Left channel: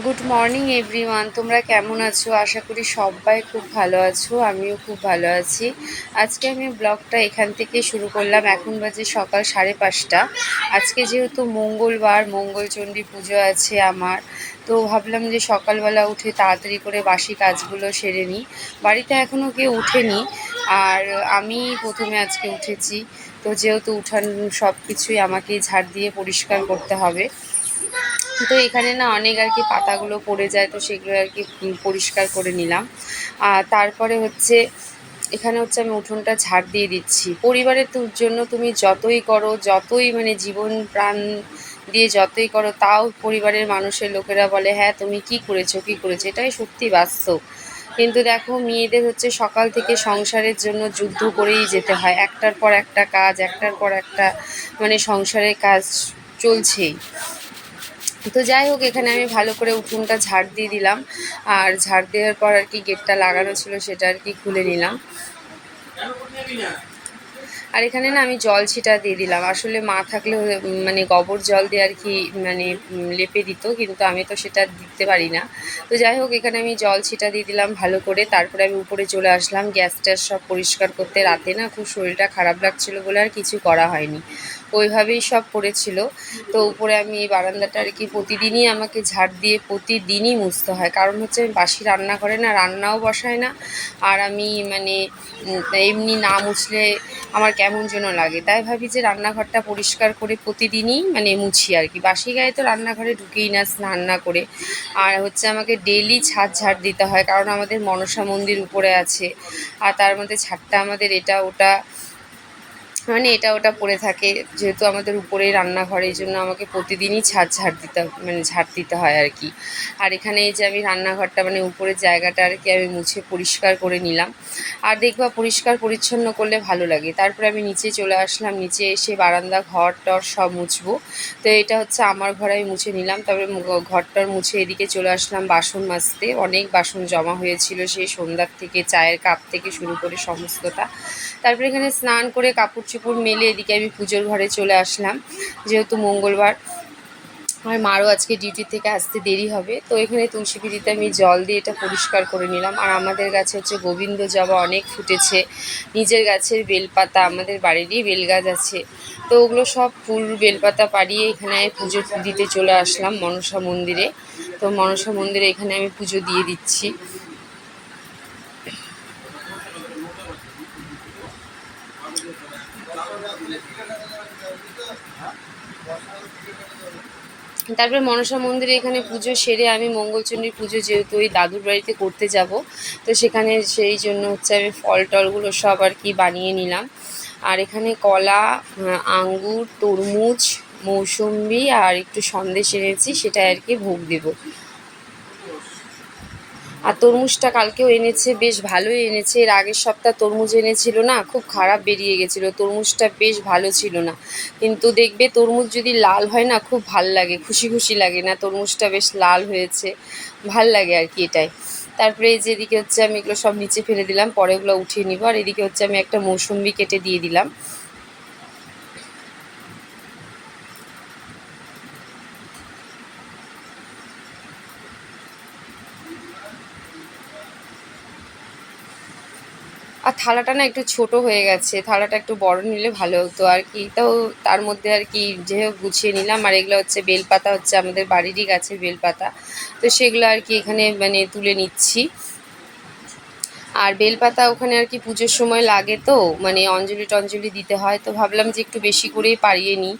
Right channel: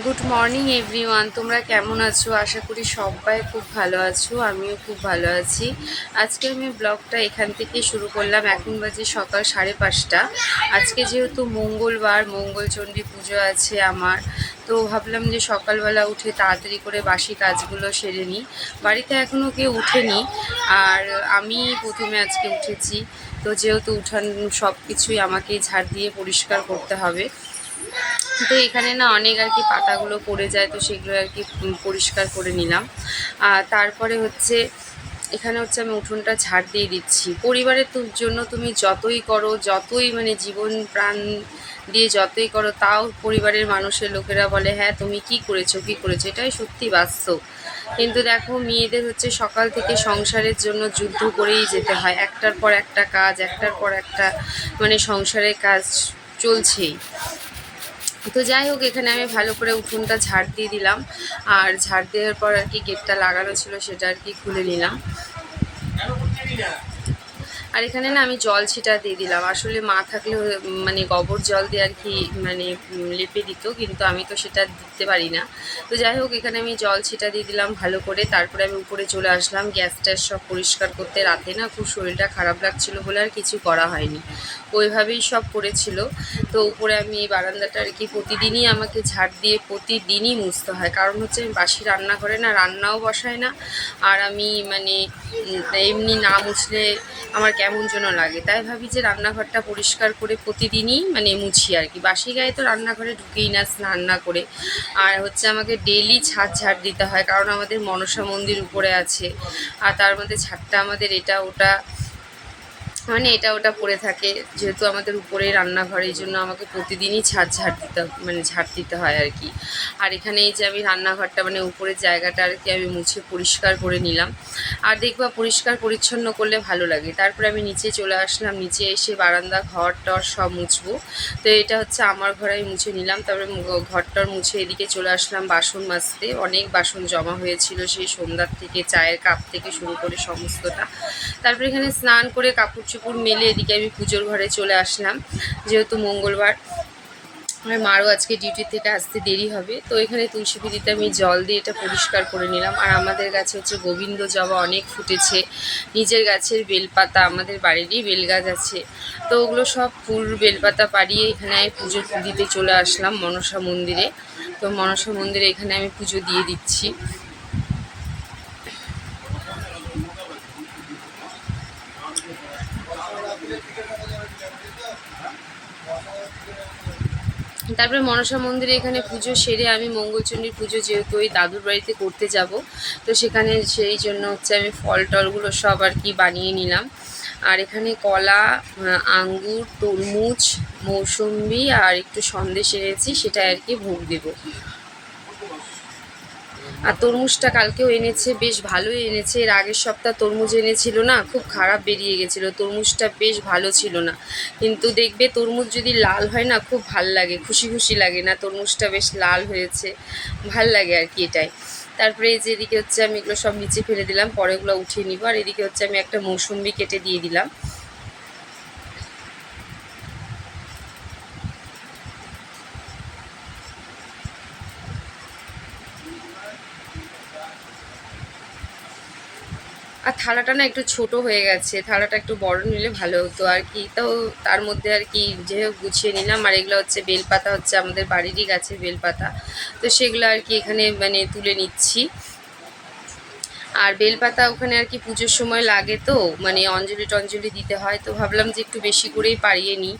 Good morning everyone, তোমরা কেমন আছো? আশা করি সবাই খুব ভালো আছো। আমিও খুব ভালো আছি। আজকে আমি ব্লগটা এখান থেকে শুরু করলাম। এখন বাজে সকাল 5:30। আজকে যেহেতু মঙ্গলবার, মঙ্গলচণ্ডী পুজো আছে আমার, তো ভাবলাম যে সকালবেলা উঠে তাড়াতাড়ি করে বাসি কাজগুলো সেরে নিই। বাড়িতে এখনও কেউ উঠেনি, আর আমি প্রথমে আজকে উঠেছি। তো যেহেতু উঠান সব কিছুই আমাকেই ঝাড় দিয়ে পরিষ্কার করতে হবে। তো এখানে না অনেক আর কি পাতাগুলো পড়ে যায়, তো সেগুলো আর কি পরিষ্কার করে নিলাম। আর তারপরে হচ্ছে এখানে হচ্ছে আমি উঠোনটা ঝাড় দিয়ে দিচ্ছি। পরিবারের জন্য তুমি যতই করো, যতই মানে জীবন প্রাণ দিয়ে যতই করো, তাও পরিবারের মানুষের লোকেরা বলে হ্যাঁ তুমি কি করেছো কি করেছো, এটাই সত্যি বাস্তব। কিন্তু দেখো, মেয়েদের হচ্ছে সকাল থেকে সংসারের জন্য যুদ্ধ করেই যেতে হয়। একটার পর একটা কাজ, একটার পর একটা মানে সংসারের কাজ চলছেই। তো যাই হোক, এখানে আমি ভালো করে উঠোনটা ঝাড় দিয়ে দিলাম। আর ঝাড় দেওয়ার পর আর কি গেটটা লাগানো ছিল, সেটা আর কি খুলে নিলাম। আর এখানে না আমি জল ছিটা দিয়ে দিলাম। আসলে মা থাকলে মানে গোবর জল দিয়ে আর কি মানে লেপে দিত, কিন্তু আমি তো সেটা দিতে পারি না। তো যাই হোক, এখানে আমি জল ছিটা দিয়ে দিলাম ভালো করে। তারপরে আমি উপরে চলে আসলাম গ্যাস ট্যাস সব পরিষ্কার করতে। রাতে না খুব শরীরটা খারাপ লাগছিল বলে আর কিছু করা হয়নি, ওইভাবেই সব পড়েছিল। তো উপরে আমি এই বারান্দাটা আর কি প্রতিদিনই আমাকে ঝাড় দিয়ে প্রতিদিনই মুছতে হয়। কারণ হচ্ছে আমি বাসি রান্নাঘরে না রান্নাও বসাই না, আর আমি মানে এমনি না মুছলে আমার কেমন যেন লাগে। তাই ভাবি যে রান্নাঘরটা পরিষ্কার করে প্রতিদিনই মানে মুছি আর কি। বাসি গায়ে তো রান্নাঘরে ঢুকেই না স্নান না করে। আর হচ্ছে আমাকে ডেইলি ছাদ ঝাড় দিতে হয়, কারণ আমাদের মনসা মন্দির উপরে আছে। আর তার মধ্যে ছাদটা আমাদের এটা ওটা মানে এটা ওটা পড়ে থাকে, যেহেতু আমাদের উপরেই রান্নাঘর, এই জন্য আমাকে প্রতিদিনই ঝাড় দিতে হয় আর কি। আর এখানে এই যে আমি রান্নাঘরটা মানে উপরের জায়গাটা আর কি আমি মুছে পরিষ্কার করে নিলাম। আর দেখবা, পরিষ্কার পরিচ্ছন্ন করলে ভালো লাগে। তারপরে আমি নিচে চলে আসলাম। নিচে এসে বারান্দা ঘর টর সব মুছবো। তো এটা হচ্ছে আমার ঘর, আমি মুছে নিলাম। তারপরে ঘরটর মুছে এদিকে চলে আসলাম বাসন মাজতে। অনেক বাসন জমা হয়েছিল সেই সন্ধ্যার থেকে, চায়ের কাপ থেকে শুরু করে সমস্তটা। তারপরে এখানে স্নান করে কাপড় চোপড় মেলে এদিকে আমি পুজোর ঘরে চলে আসলাম, যেহেতু মঙ্গলবার। আর মারও আজকে ডিউটি থেকে আসতে দেরি হবে। তো এখানে তুলসী পিঁড়িতে আমি জল দিয়ে এটা পরিষ্কার করে নিলাম। আর আমাদের গাছে হচ্ছে গোবিন্দ জবা অনেক ফুটেছে। নিজের গাছের বেলপাতা, আমাদের বাড়িরই বেলগাছ আছে, তো ওগুলো সব ফুল বেলপাতা পাড়িয়ে এখানে পুজো দিতে চলে আসলাম মনসা মন্দিরে। তো মনসা মন্দিরে এখানে আমি পুজো দিয়ে দিচ্ছি। তারপরে মনসা মন্দিরে এখানে পুজো সেরে আমি মঙ্গলচণ্ডীর পুজো যেহেতু ওই দাদুর বাড়িতে করতে যাব, তো সেখানে সেই জন্য হচ্ছে আমি ফল টলগুলো সব আর কি বানিয়ে নিলাম। আর এখানে কলা, আঙ্গুর, তরমুজ, মৌসম্বি আর একটু সন্দেশ এনেছি, সেটা আর কি ভোগ দেবো। আর তরমুজটা কালকেও এনেছে, বেশ ভালোই এনেছে। এর আগের সপ্তাহ তরমুজ এনেছিল না, খুব খারাপ বেরিয়ে গেছিলো, তরমুজটা বেশ ভালো ছিল না। কিন্তু দেখবে তরমুজ যদি লাল হয় না, খুব ভাল লাগে, খুশি খুশি লাগে না? তরমুজটা বেশ লাল হয়েছে, ভাল লাগে আর কি এটাই। তারপরে এই যে এদিকে হচ্ছে আমি এগুলো সব নিচে ফেলে দিলাম, পরে ওগুলো উঠিয়ে নিব। আর এদিকে হচ্ছে আমি একটা মৌসম্বি কেটে দিয়ে দিলাম। আর থালাটা না একটু ছোট হয়ে গেছে, থালাটা একটু বড় নিলে ভালো হতো আর কি। তো তার মধ্যে আর কি যে হোক গুছিয়ে নিলাম। আর এগুলো হচ্ছে বেলপাতা, হচ্ছে আমাদের বাড়িরই গাছের বেলপাতা, তো সেগুলো আর কি এখানে মানে তুলে নিচ্ছি। আর বেলপাতা ওখানে আর কি পুজোর সময় লাগে, তো মানে অঞ্জলি টঞ্জলি দিতে হয়, তো ভাবলাম যে একটু বেশি করেই পাড়িয়ে নিই।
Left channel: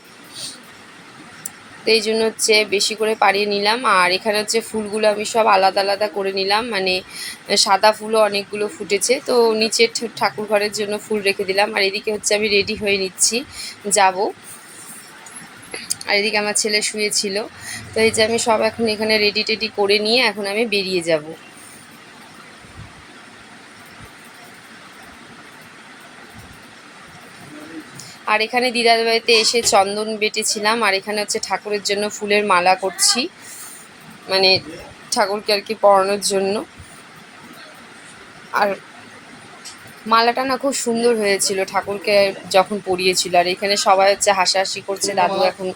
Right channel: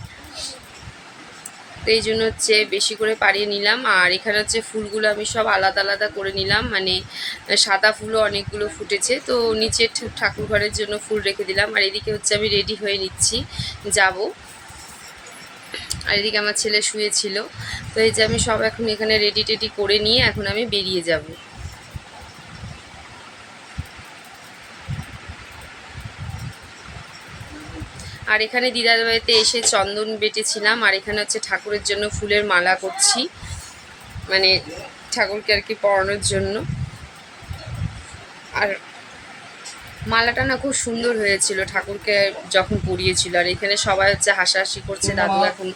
তো এই জন্য হচ্ছে বেশি করে পাড়িয়ে নিলাম। আর এখানে হচ্ছে ফুলগুলো আমি সব আলাদা আলাদা করে নিলাম, মানে সাদা ফুলও অনেকগুলো ফুটেছে, তো নিচে ঠাকুর ঘরের জন্য ফুল রেখে দিলাম। আর এদিকে হচ্ছে আমি রেডি হয়ে নিচ্ছি, যাব। আর এদিকে আমার ছেলে শুয়েছিল। তো এই যে আমি সব এখন এখানে রেডি টেডি করে নিয়ে এখন আমি বেরিয়ে যাব। আর এখানে দিদার বাড়িতে এসে চন্দন বেটেছিলাম। আর এখানে হচ্ছে ঠাকুরের জন্য ফুলের মালা করছি, মানে ঠাকুরকে আর কি পরানোর জন্য। আর মালাটা না খুব সুন্দর হয়েছিল ঠাকুরকে যখন পরিয়েছিল। আর এখানে সবাই হচ্ছে হাসাহাসি করছে, দাদু এখন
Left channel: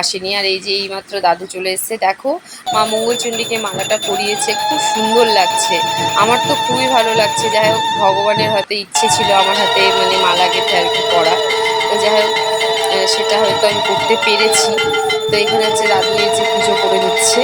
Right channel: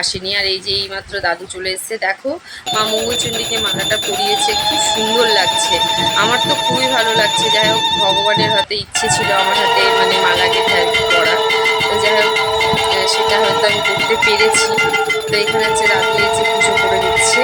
আসেনি। আর এই যে এইমাত্র দাদু চলে এসছে, দেখো মা মঙ্গলচণ্ডীকে মালাটা পরিয়েছে, খুব সুন্দর লাগছে। আমার তো খুবই ভালো লাগছে। যাই হোক, ভগবানের হয়তো ইচ্ছে ছিল আমার হাতে মানে মালা গেঁথে আর কি পরা। তো যাই হোক, সেটা হয়তো আমি করতে পেরেছি। তো এখানে হচ্ছে দাদু এই যে পুজো করে দিচ্ছে।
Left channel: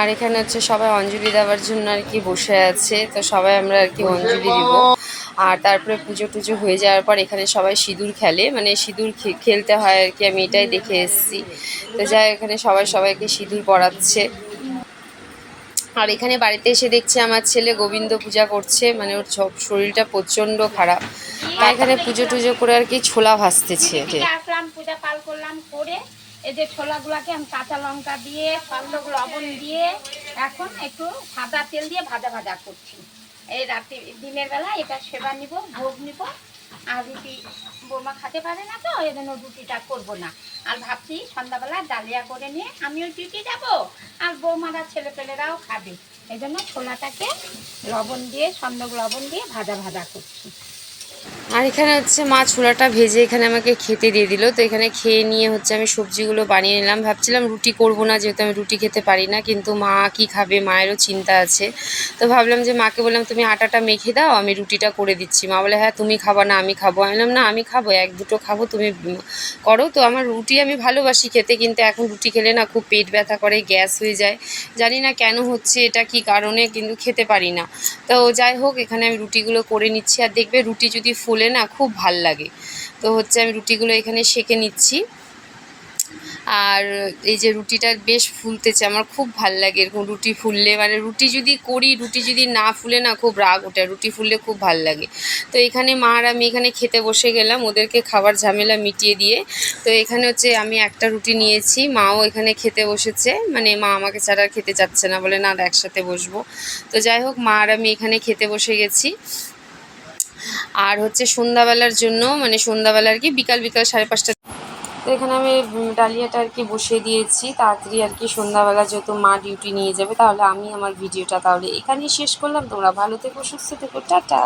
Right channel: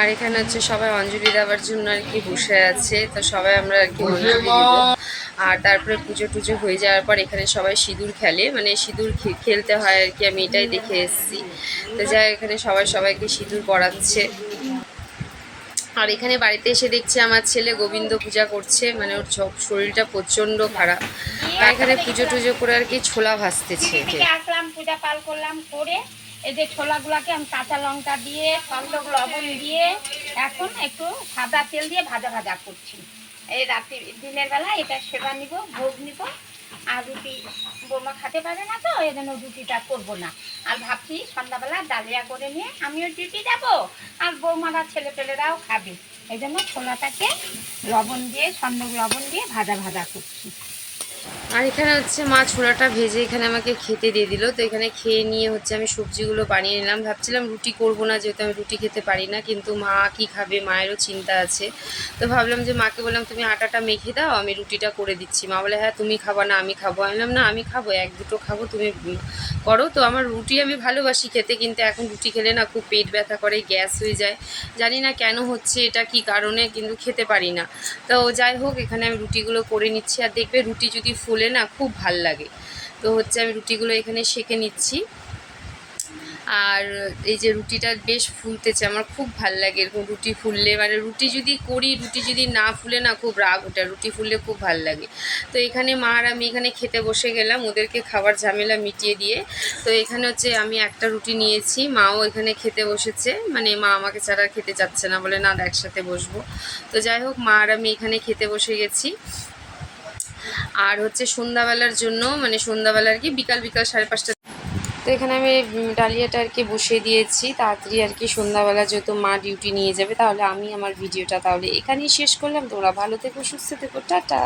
আর এখানে হচ্ছে সবাই অঞ্জলি দেওয়ার জন্য আর কি বসে আছে। তো সবাই আমরা আর কি অঞ্জলি দিব। আর তারপরে পুজো টুজো হয়ে যাওয়ার পর এখানে সবাই সিঁদুর খেলে, মানে সিঁদুর খেলতে হয় আর কি, আমি এটাই দেখে এসেছি। তো যাই এখানে সবাই সবাইকে সিঁদুর পরাচ্ছে। আর এখানে বাড়িতে এসে দেখছে আমার ছেলে গোবিন্দ পূজা করছে, মানে ওর শরীরটা প্রচণ্ড খারাপ। আর এখানে পুজো টুজো করে আর কি ছোলা ভাজতেছে। আসলাম, পূজা পাল করলাম, করে এই যে ছোলাগুলাকে আমি কাঁচা লঙ্কা দিয়ে সন্দক লবণ দিয়ে এখন একটু সাদা তেল দিয়ে ভাজা ভাজা করছি। এই রাতে দিনের বেলা এটা সেবা নিব, ভোগ নিব। আর রুটি বৌমা খেতে পারে না, তো এই জন্য রুটিটা করবো না। আর ভাবছি সন্ধ্যাবেলা ডালিয়া করে নিয়ে আমিও ডিউটি যাব, আর বৌমারা ছেলে পেলেরাও খাবে। এই জন্য ছোলাটাকে লবণ দিয়ে সন্দক লবণ দিয়ে ভাজা ভাজা করছি। আর এখানে হচ্ছে মা ছোলাটা ভেজে এখানে আমাকে খেতে দিয়ে দিল। তো এখানে খেয়ে নিয়ে হচ্ছে আমি সবজিগুলো বানিয়ে নিলাম। ভাবছিলাম রুটি করব না, যেহেতু আমি রুটি খেতে পারি না, কিন্তু মা কি খাবে, মায়েরও চিন্তা আছে। তো ভাবলাম যে মাকে বললাম তুমি আটাটা মেখে দাও, আমি রুটিটা করে দিচ্ছি। মা বলে হ্যাঁ তুমি খাবা না আমি খাবো। আমি বললাম না আমি খাবো, এক দুটো খাবো, তুমি করো। তো আমার রুটি আমি ভালোবাসি খেতে, কিন্তু এখন রুটি খেলে না খুব পেট ব্যথা করে, গ্যাস হয়ে যায়। জানি না কেন হচ্ছে এটা, কি কারণে, কিন্তু খেতে পারি না। তো যাই হোক, এখানে আমি রুটিগুলো করে নিচ্ছি। আর দেখবে রুটি যদি ফুলে না খুব ভাল লাগে। তো হচ্ছে আমি রুটিগুলো এখানে সেঁকে নিচ্ছি। আর এই যে রুটিটা বেশ ফুলতেছে, আমার খুব ভাল লাগে এরকম রুটি ফুললে। মানে রুটি যদি করি, রুটি যদি না ফুলে না খুব রাগ ওঠে, রুটি ফুললে খুব ভাল লাগে। তো এখানে মা আর আমি এখানে খেতে বসে গেলাম, ওদেরকে খাবার ঝামেলা মিটিয়ে দিয়ে। তো এখানে হচ্ছে আমি একটা রুটি নিয়েছি, মাও এখানে খেতে বসেছে, মানে মা আমাকে ছাড়া খেতে চাচ্ছে না, বলে না একসাথে বসবো। তো যাই হোক, মা আর আমি এখানে খেতে বসে গেছি। আর হচ্ছে সন্ধ্যাবেলার জন্য, মানে সন্ধ্যাবেলা আর কি বিকাল 5:30। তো এখানে আমি ডালিয়াটা আর কি বসিয়ে দিয়েছি তাড়াতাড়ি আর কি, সন্ধ্যাবেলা যেহেতু মা ডিউটি নিয়ে যাবে। তাহলে আমি আমার ভিডিওটা তাহলে এখানেই শেষ করলাম। তোমরা ভালো থেকো, সুস্থ থেকো, টাটা।